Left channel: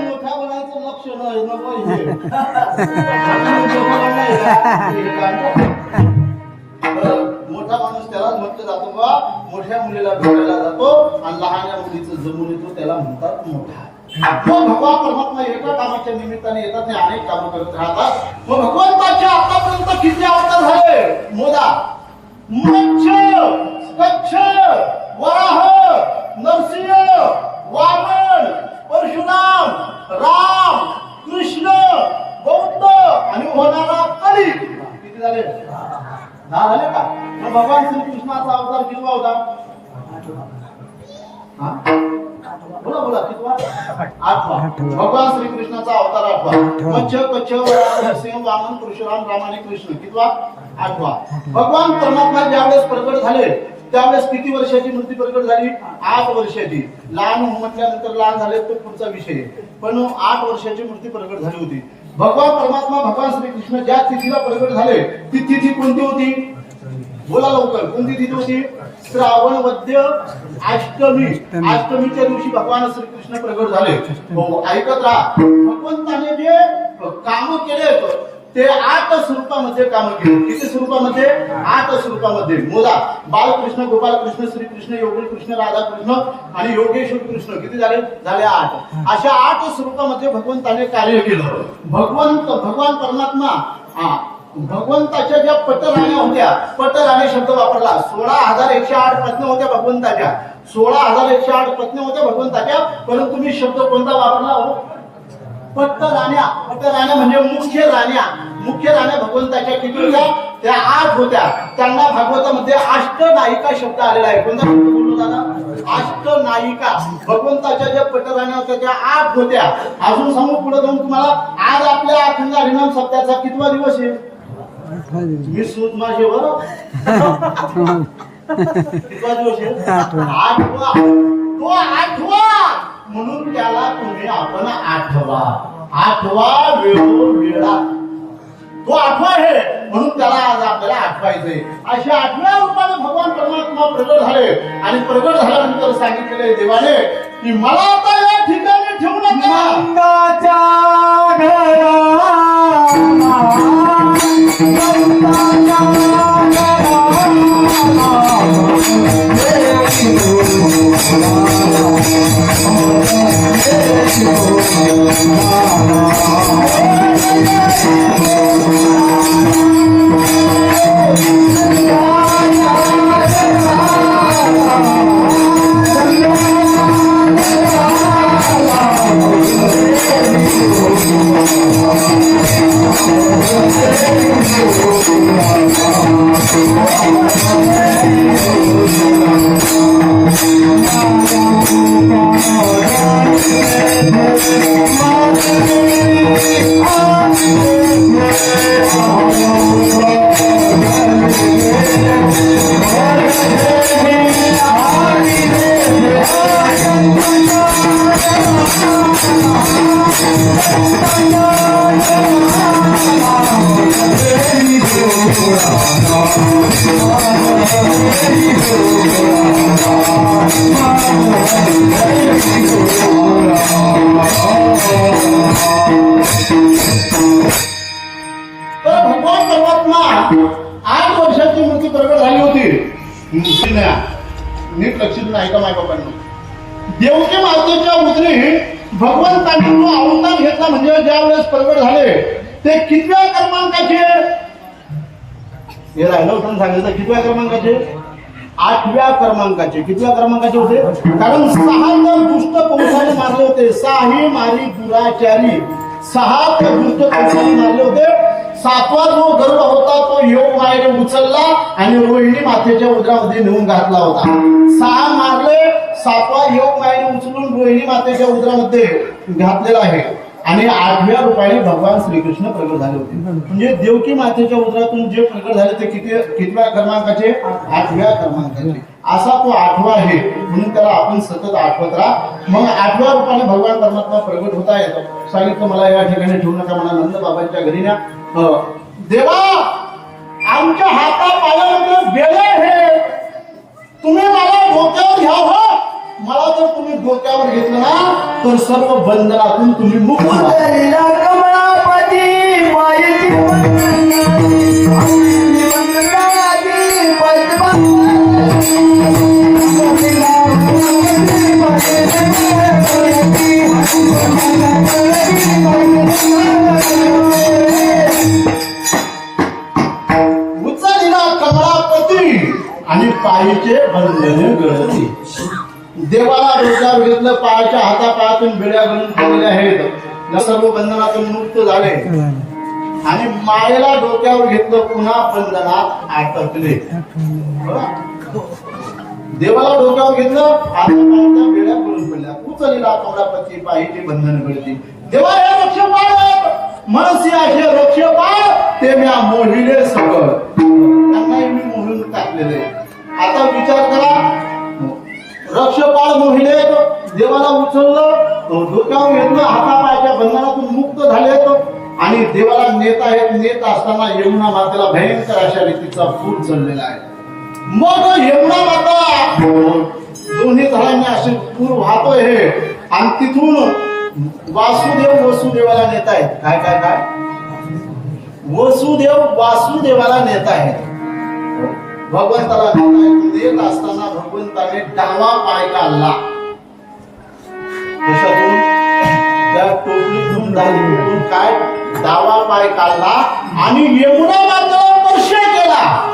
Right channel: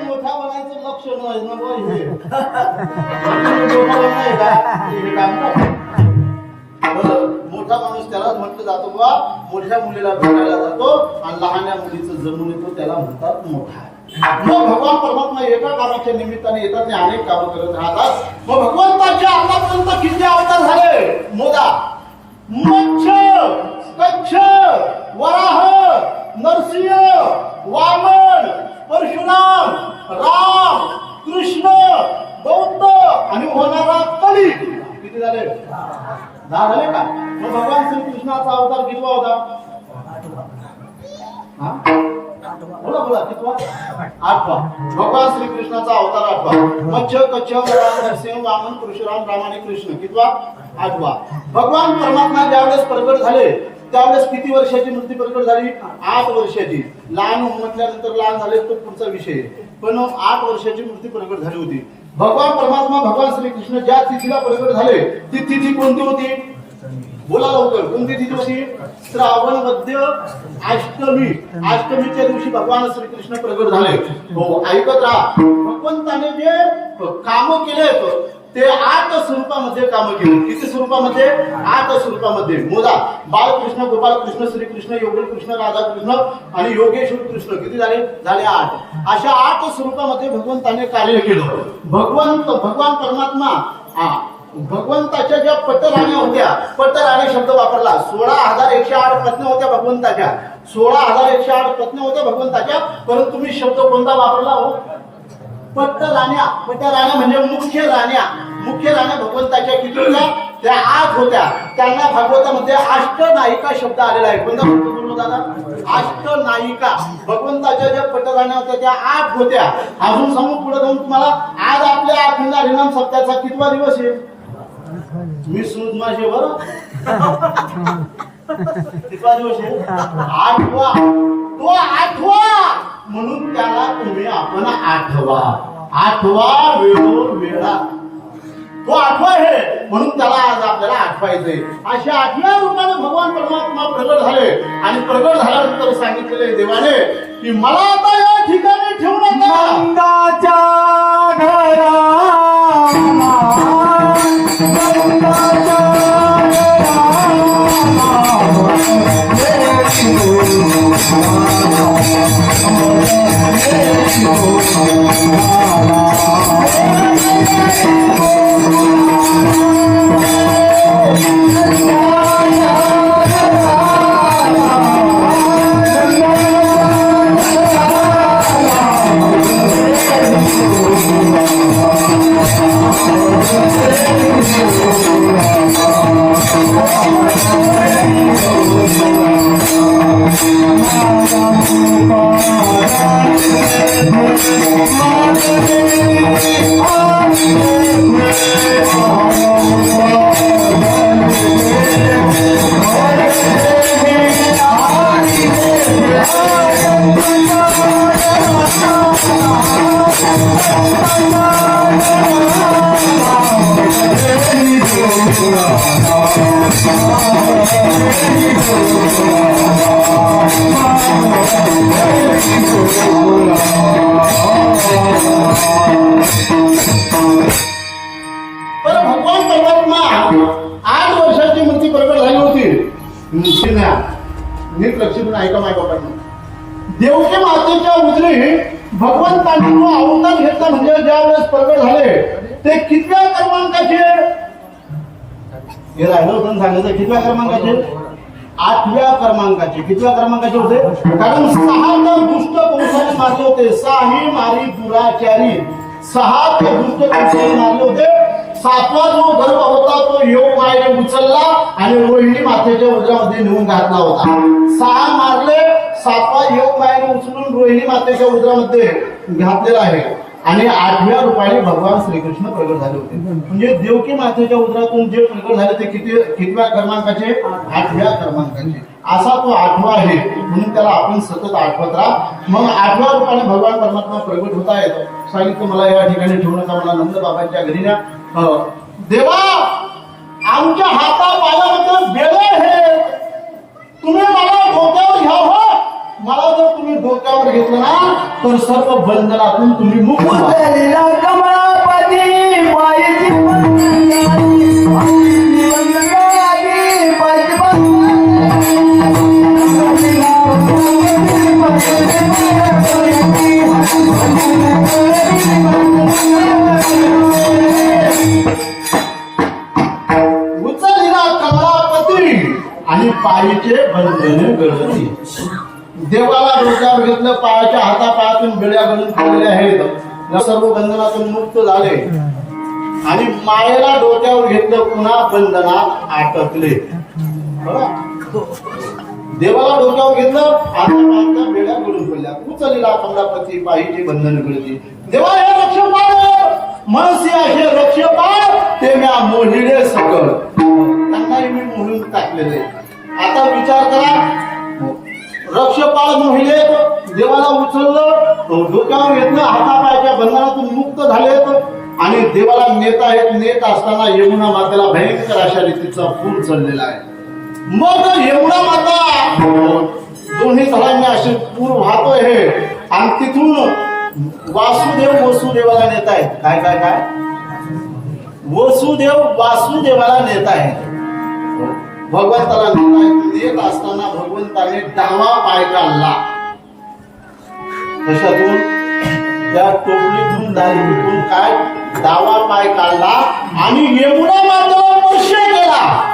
मोठा बनायचं लक्ष नाही मोठा माणूस त्यालाच म्हटलं जातं बा मोठ्या मुलीला भेटायला जातो आणि लहान्या मुलीचं जमून येतो त्याला म्हणतात मोठा. मग भगवान परमात्मा एका कामाच्या निमित्ताने येतात आणि अनेक कामं करत राहतात. मग भगवंताच्या आतापर्यंत किती अवतार झाले? मोदा मच्छ कच्छ वराह नरसिंह वामन परशुराम राम कृष्ण बौद्ध आणि होणारा कली किती झाले? दहा झाले का? तर भगवान श्रीकृष्णाचा अवतार कितवा होता? बोला बोला कितवा आठवा भगवान श्रीकृष्णाचा अवतार आठवा मच्छ कच्छ वराह नरसिंह वामन परशुराम राम आणि कृष्ण. कितवा आठवा भगवान परमात्मा ज्यावेळेस प्रगट झाले त्यावेळेस किती वर्षाची मूर्ती प्रकट झाली? आठ वर्षाची. लहान म्हटल्यानंतर लहान झाले तो पुढचा विषय. पण आठ वर्षाची मूर्ती प्रकट झाली होती. भगवान परमात्मा भगवान श्रीकृष्ण ज्या तिथीला प्रकट झाले ती तिथी कोणती होती? बोला लवकर. कोणती तिथी होती? श्रावण मध्य अष्टमी. अष्टमीच्या दिवशी भगवान श्रीकृष्ण प्रकट झाले. हो ऐकत राहा. भगवंताने जे काम केले ते आठ स्वरूपामध्ये काम केले. किती स्वरूपामध्ये? आठ स्वरूपामध्ये. मुला बाळकृष्ण गोपालकृष्ण श्रीकृष्ण योगेश कृष्ण राधाकृष्ण आणि योगेश्वर कृष्ण. किती झाले? झाले आठ. अशा आठ स्वरूपामध्ये भगवंताने कार्य केलं. भगवंत भगवान परमात्मा हा, भगवंताच्या ज्या पटराण्या होत्या पटराण्या शब्द वापरला. सोळा हजार एकशे आठ प्रश्न होत्या भगवंताच्या. सोळा हजार एकशे आठ प्रश्न होत्या भगवंताच्या परंतु तुम्ही शब्द कोणता वापरला हो? पट्ट राण्या पट्ट राण्या म्हणजे मुख्य राण्या. मुख्य राण्या भगवंताच्या किती त्या आठ होत्या. त्यांना भागवतामध्ये अष्टनायिका शब्द आलेला आहे. कोणता बोललो दादा? अष्टनायिका. भगवंताच्या ज्या पटराण्या होत्या त्या आठ होत्या. अजून समोर पुढे जाऊन तुम्हाला. आज आपल्या अखंड हरिनाम सप्त्याचा कितवा दिवस आहे? मी सूद माझे बरं कितवा दिवस आहे? आठवा. तो आठवा. म्हणून त्याला तुम्ही आपण आठवा. आठवा वेळा तो आठवा आहे म्हणून त्याला आज आपल्याला आठवायचंय. अशा आठव्या रूपाने भगवान परमात्मा प्रगट झाले. आणि प्रगट झाल्यानंतर सांगितलेले देवाने की मला आता या ठिकाणी ठेवू नका. भगवान परमात्मा आठ वर्षाची मूर्ती प्रकट झाली होती मूर्तीला नीट लक्ष देऊन ऐका माय बाबांना देवके मातेच्या उजरी भगवंतांनी जो अवतार घेतला म्हणजे ज्या वेळेस प्रगट झाले ते कितव्या क्रमांकाचे? हे राहिलं होतं सांगितलं कितव्या क्रमांकाचे? आठव्या क्रमांकाचे. कितव्या क्रमांकाचे होते? कारण सहा तर दुष्ट कंसाने मारले होते? साही मारी दुराचारी. सहा ते दुष्ट कंसाने मारले होते? सातवा जो गर्भ होता तो योग मायेने उचलला आणि रोहिणी मातेच्या उदरामध्ये नेऊन घातला होता. सहा मारले सातवा योग मायेने उचलून रोहिणी मातेच्या उदरामध्ये घातलेला आहे. आणि आठव्या रुपयाने भगवान श्रीकृष्ण प्रगट झाले होते. म्हणजे देवकी मातेच्या उदरातून जे प्रगट झाले ते किती कितव्या क्रमांकाचे? आठव्या क्रमांकाचे. असा तो आठवा आहे. म्हणून त्याला आपण सतत आठवत राहा. मग आठव्या रूपाने भगवान परमात्मा प्रगट होत आहेत. सांगितलं मला या ठिकाणी ठेवू नका. मला नंद बाबांच्या घरी न्या. देवा आमच्या हाता पायामध्ये बेळे हे तुम्ही मला डोक्यावर घ्यावं मला जर तुम्ही डोक्यावर घेतलं ना तर सर्व बंधनातून तुम्ही. उचलिला कमळापती आणि पायीचे बंधने गळती देवाला डोक्यावर घेतलं पायाच्या हातापायातून बेड्या बनून ठेवलेल्या आहेत. सर्व बंधनातून मुक्त झाले. आणि मायेला डोक्यावर घेतलं पुन्हा बंधनात अटकले देवाला डोक्यावर घेतलं हातापायाच्या बेड्या बनून पडल्या उचललेला कमळापती पाहिजे बंधन गळती देवा हे रक्षपाल मनसी असे हे रक्षपाल ते म्या मोहिले सकल. त्यांनाही मी मोहीम टाकलेले आता विचार करा रक्षपाल मोहिमेत देवाला उचललं डोक्यावर घेतलं हातापायच्या बंधनातून मुक्त झालेत. आणि देवाला नेता आहेत नेत असताना यमुना मातेला भयंकर अशा रीतीचा पूर चढलेला आहे. मग यमुना माता दोन्ही तळांनी असे पूर वाहतोय हे. आणि तिथून वासुदेव वसुदेवाला नेत आहेत. काय काय काय? वसुदेव वासुदेवाला नेत आहेत. भगवंताला नेत आहेत असताना भगवंताने डावा पाय काढला. कशातून? त्या टोपलीतून धारीतून काय? डावा पाय काढला आणि यमुना मातेला स्पर्श केला.